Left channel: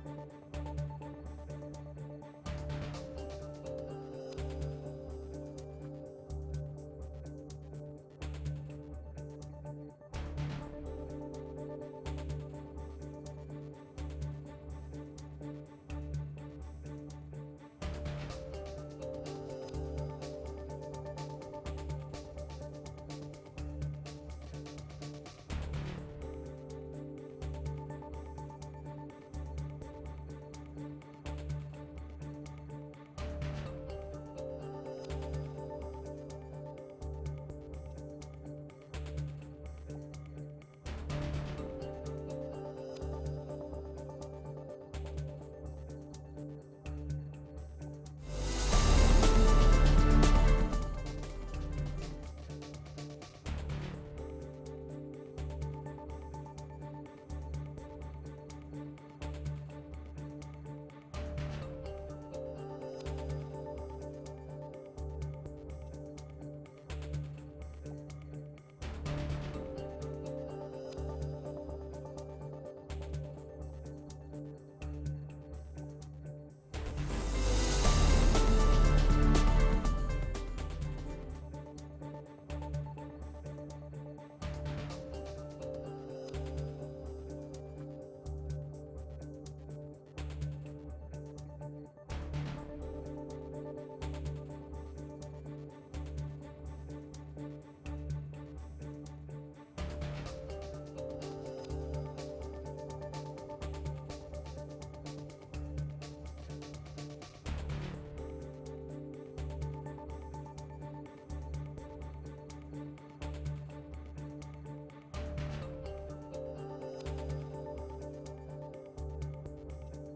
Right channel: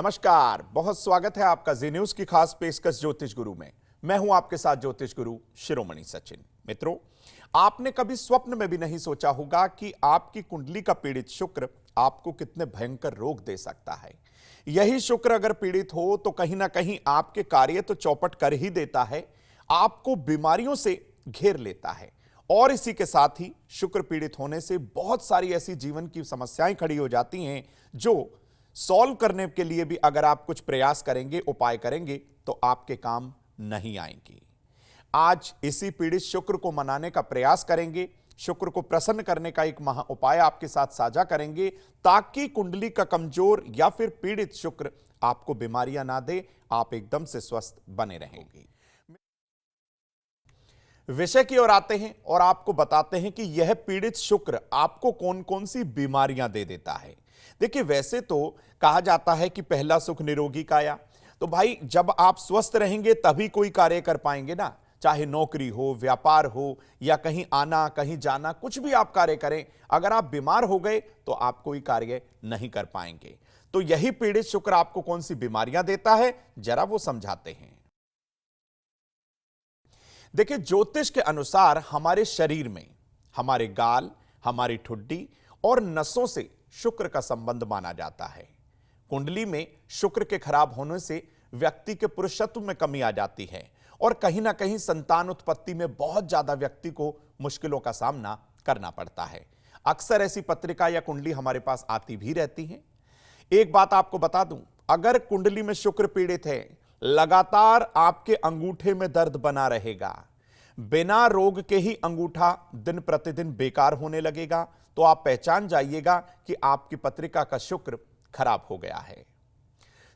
नमस्कार, बहुत स्वागत है आपका जी न्यूज की खास पेशकश ज्योतिष गुरु में। मैं हूं आपके साथ ज्योतिष गुरु शिरोमणि सचिन। मित्रों, आपने कभी स्वप्न में भी नहीं सोचा होगा कि आपकी कुंडली का पीड़ित शुक्र आपको कितने भयंकर रोग दे सकता है। यही शुक्र अगर पीड़ित हो तो कहीं ना कहीं आपके कार्य तो चौपट कर ही देता है, आपको बीमारियों से घेर लेता है। और इसी के साथ ही शुक्र पीड़ित होने से बहुत सारी ऐसी जीवन की समस्याएं खड़ी हो जाती हैं जो सॉल्व करने के लिए भी अगर आप कुछ प्रयास करेंगे, उपाय करेंगे तो आपके काम नहीं आएंगे। आज इसी पीड़ित शुक्र को मनाने का प्रयास करेंगे, शुक्र को प्रसन्न करने का एक महा उपाय आपके साथ साझा करेंगे ताकि कुंडली का कमजोर या फिर पीड़ित शुक्र आपको बीमारियां ना दे, आप एकदम से स्वस्थ बने रहें। विषय की ओर आते हैं और आपको बताते हैं कि यह पीड़ित शुक्र आपको कौन कौन सी बीमारियां दे देता है। देखिए, वैसे तो कहा जाता है कि पहला सुख निरोगी काया, तो भाई जब आप स्वस्थ रहेंगे तभी कोई कार्य कर पाएंगे ना, चाहे नौकरी हो, व्यापार हो या कहीं आना कहीं जाना, कुछ भी आप कार्य करें, अगर आप बीमार हो गए तो आप कोई कार्य नहीं कर पाएंगे। तो यही पीड़ित शुक्र आपको कौन सी बीमारियां देता है, जरा वो समझाते हैं। देखिए, ज्योतिष के अनुसार हमारे शरीर में हमारे गाल, हमारी ठुड्डी और नसों से शुक्र का संबंध माना जाता है। कुंडली में शुक्र के खराब होने से व्यक्ति के पुरुषत्व में कमी आ जाती है और कहीं ना कहीं संतान उत्पत्ति में बहुत ज्यादा व्यक्ति को मुश्किलों का सामना करना पड़ता है। अक्सर ऐसी पत्रिका या कुंडली हमारे पास आती भी रहती है। एक बात आपको बता दूं, अगर कुंडली में शुक्र पीड़ित है, लगातार आपके अंगूठे में दर्द बना रहेगा, बिना रोग के ही अंगूठा दिन प्रतिदिन बेकार होने लगेगा, तो आप पहचान जाइएगा कि आपकी पत्रिका का शुक्र खराब हो गया है।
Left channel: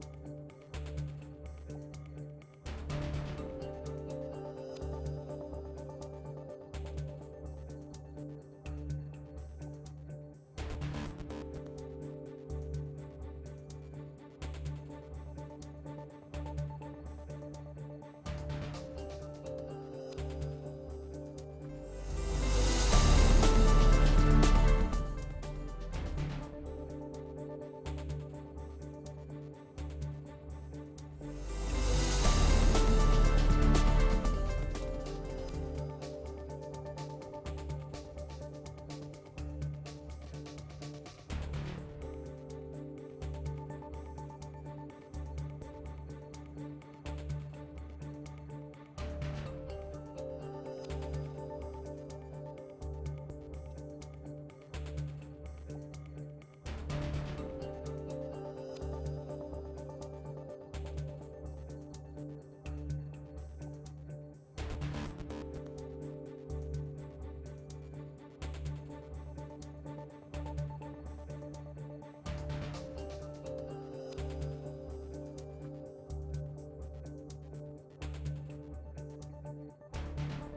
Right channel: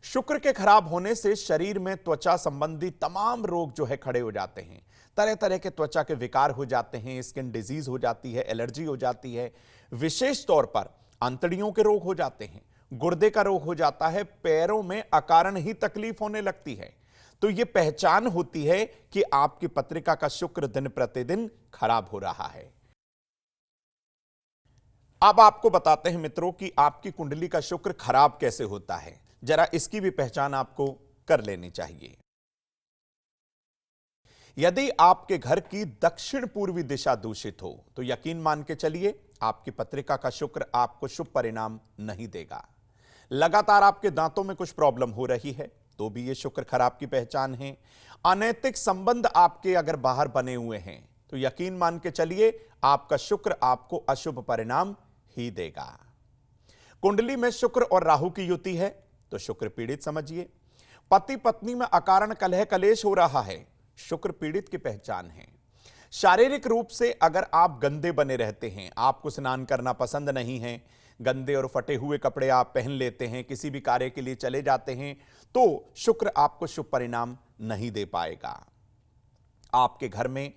शुक्र के खराब होने से शरीर में त्वचा संबंधी तमाम रोग जो है खड़े हो जाते हैं। तरह तरह के त्वचा के विकार हो जाते हैं, स्किन डिजीज हो जाती है, एलर्जी हो जाती है। विशेष तौर पर अंतड़ियों के रोग हो जाते हैं, गुर्दे का रोग हो जाता है, पैरों में अकारण ही तकलीफ होने लगती है। तो यह पहचान होती है कि आपकी पत्रिका का शुक्र दिन प्रतिदिन खराब हो रहा है। अब आपको बताते हैं मित्रों कि आपकी कुंडली का शुक्र खराब कैसे होता है, जरा इसकी भी पहचान आपको कर लेनी चाहिए। यदि आपके घर की दक्षिण पूर्वी दिशा दूषित हो तो यकीन मान के चलिए आपकी पत्रिका का शुक्र आपको शुभ परिणाम नहीं देगा। लगातार आपके दांतों में कुछ प्रॉब्लम हो रही है तो भी यह शुक्र खराब की पहचान है। अनैतिक संबंध आपके अगर बाहर बने हुए हैं तो यकीन मान के चलिए आपका शुक्र आपको अशुभ परिणाम ही देगा। कुंडली में शुक्र और राहु की युति है तो शुक्र पीड़ित समझिए। पति पत्नी में अकारण कलह कलेश हो रहा है, शुक्र पीड़ित की पहचान है। शारीरिक रूप से अगर आप गंदे बने रहते हैं, आपको स्नान करना पसंद नहीं है, गंदे और फटे हुए कपड़े आप पहन लेते हैं, किसी भी कार्य के लिए चले जाते हैं, तो शुक्र आपको शुभ परिणाम नहीं दे पाएगा। आपके घर में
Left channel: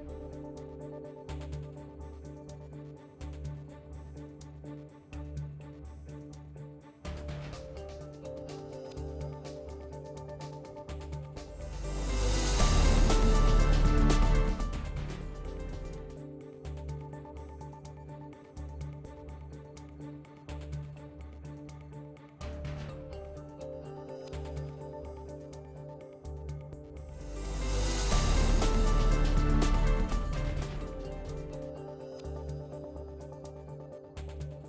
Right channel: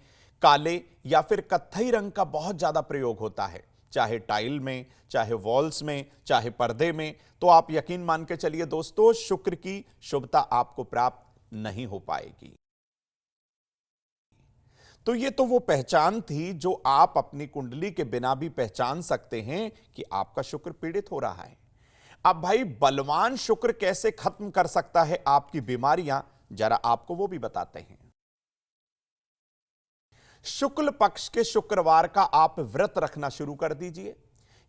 काले या फिर कत्थई रंग का बहुत ज्यादा प्रयोग होता है, चाहे टाइल में, चाहे वॉल्स में, चाहे पर्दे में, तो आप यकीन मान के चलिए दोस्तों, शुक्र की शुभता आपको प्राप्त नहीं हो पाएगी। तो ये तो वो पहचान थी जो आप अपनी कुंडली के बिना भी पहचान सकते हैं कि आपका शुक्र पीड़ित हो रहा है। अब भाई, बलवान शुक्र कैसे खत्म कर सकता है आपकी बीमारियां, जरा आपको वो भी बताते हैं। शुक्ल पक्ष के शुक्रवार का आप व्रत रखना शुरू कर दीजिए।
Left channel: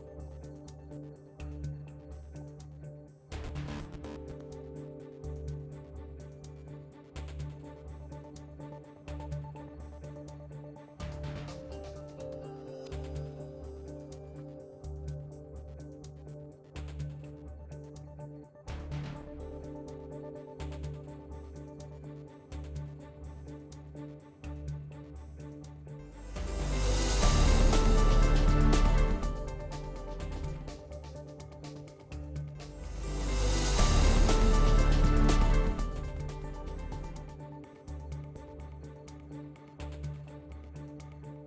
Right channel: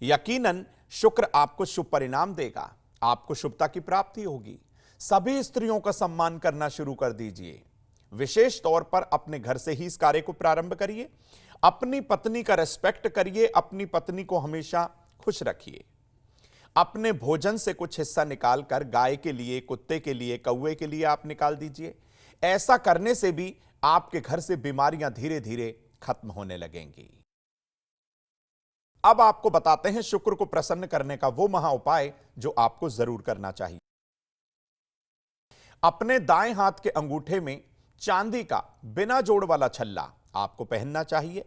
यकीनन शुक्र आपको शुभ परिणाम देगा, आपको शुभता की प्राप्ति होगी। सभी स्त्रियों का सम्मान करना शुरू कर दीजिए। विशेष तौर पर अपने घर से ही इस कार्य को प्रारंभ करिए। अपनी पत्नी का रेस्पेक्ट करिए, अपनी पत्नी को हमेशा खुश रखिए। अपने भोजन से कुछ हिस्सा निकालकर गाय के लिए, कुत्ते के लिए, कौवे के लिए आप निकाल दीजिए। ऐसा करने से भी आपके घर से बीमारियां धीरे धीरे खत्म होने लगेंगी। अब आपको बताते हैं शुक्र को प्रसन्न करने का वो महा उपाय जो आपको जरूर करना चाहिए। अपने दाएं हाथ के अंगूठे में चांदी का बिना जोड़ वाला छल्ला आपको पहनना चाहिए।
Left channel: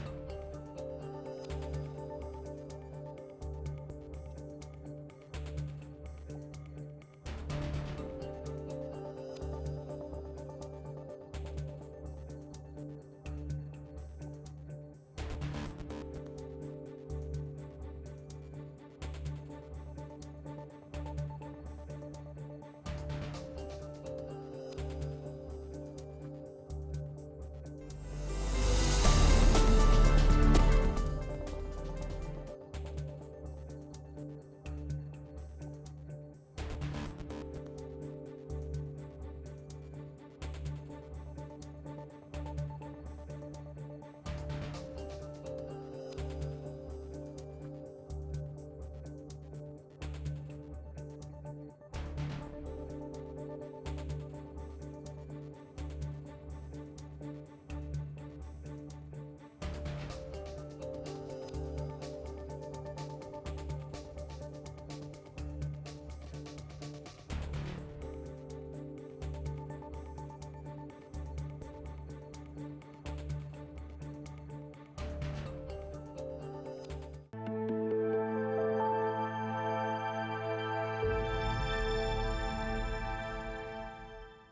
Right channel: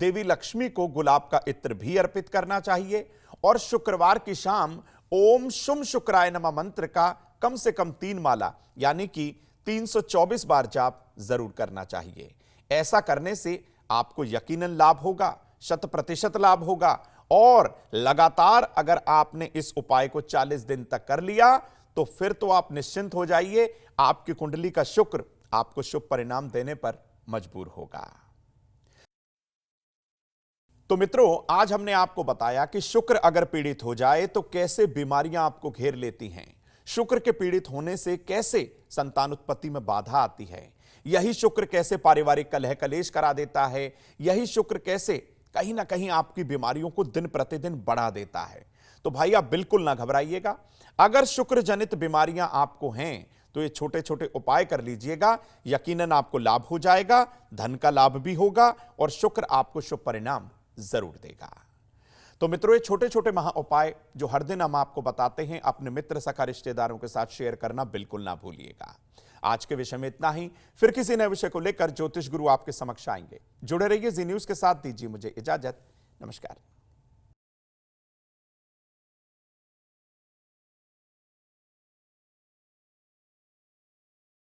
देवी लक्ष्मी को गुलाब का इत्र भी अर्पित करना चाहिए और शुक्रवार की शाम ओम शुम शुक्राय नमः मंत्र का कम से कम 3 माला यानी कि 324 बार जाप जरूर करना चाहिए। ऐसा करने से आपको यकीनन लाभ होगा, 100% लाभ होगा। और लगातार अगर आपने इस उपाय को 40 दिन तक कर लिया तो फिर तो आप निश्चिंत हो जाइए, आपकी कुंडली का शुक्र आपको शुभ परिणाम देने पर मजबूर होगा। तो मित्रों, आज हमने आपको बताया कि शुक्र अगर पीड़ित हो जाए तो कैसे बीमारियां आपको घेर लेती हैं। शुक्र के पीड़ित होने से कैसे संतान उत्पत्ति में बाधा आती है। यही शुक्र कैसे पारिवारिक कलह कलेश करा देता है। यही शुक्र कैसे कहीं ना कहीं आपकी बीमारियों को दिन प्रतिदिन बढ़ा देता है। तो भाई, आप बिल्कुल ना घबराइएगा। अगर शुक्र जनित बीमारियां आपको हैं तो ये छोटे छोटे उपाय कर लीजिएगा, यकीनन आपको लाभ हो जाएगा, धन का लाभ भी होगा और शुक्र आपको शुभ परिणाम जरूर देगा। तो मित्रों, ये छोटे छोटे महा उपाय जो हर दिन हम आपको बताते हैं, अपने मित्र सखा रिश्तेदारों के साथ शेयर करना बिल्कुल ना भूलिएगा। आज के विषय में इतना ही। फिर किसी नए विषय को लेकर ज्योतिष गुरु आपके समक्ष आएंगे। जुड़े रहिए जी न्यूज के साथ। दीजिए मुझे इजाजत। नमस्कार।